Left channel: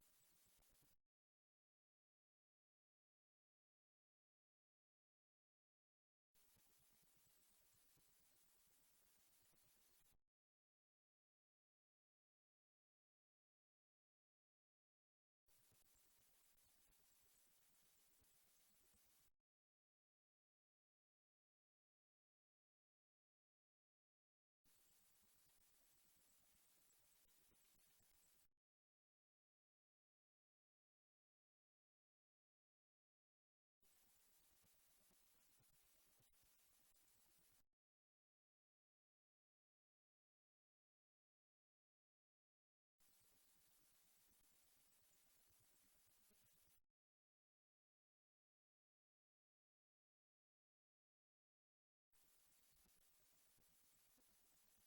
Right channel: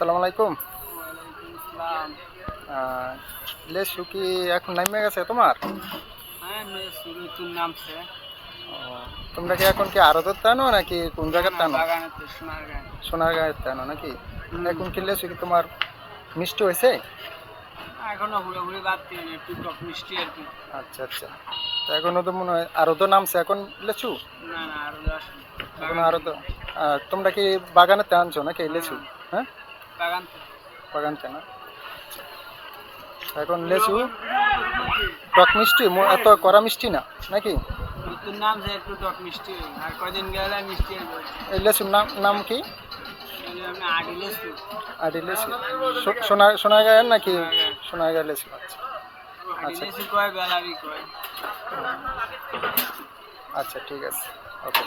আসসালামু আলাইকুম। ওয়ালাইকুম আসসালাম। আহ, লেসু কি এখন নামে গেছে তোমার? হ্যাঁ, নতুন নামছে। ও, তোমরা কি এখন কি আড়তত টানো নাকি কোন না জায়গায় না, টানো? বাগানেতে সোনারগাঁ। সোনারগাঁয়ে টানো নাকি? হুম। এখন কি লেসু কি তোমার মিষ্টি হয়েছে? এখনো পুরোপুরি বাদ দিয়ে একটু টক মিষ্টি আর কি। আচ্ছা আচ্ছা। তো এখনো তো মনে হয় আরো তো নামছে এখন লেচু? না না, আরো আসেনি। এখনো বাগান আরো তো থেকে। তোমরা কি বাগানেতে আনছো নাকি এই লেচু? হ্যাঁ, হ্যাঁ, বাগান থেকে। বাগানতে না। এখন লেচু টক মিষ্টি এত কড়া মিষ্টি না নাকি? নতুন নামছে, একটু টক মিষ্টি আর কয়দিন গেলে মিষ্টি হয়ে যাবে। এই লেচুর নাম নাম কি? এগুলো আপনি আটি লেচু। আদি লেচু। সোনারগাঁয়ের নাকি? সোনারগাঁ। সোনারগাঁ লেচু, আচ্ছা আটি আচ্ছা। লেচু কয়, বেলারি কয়। আচ্ছা ঠিক আছে, ওকে।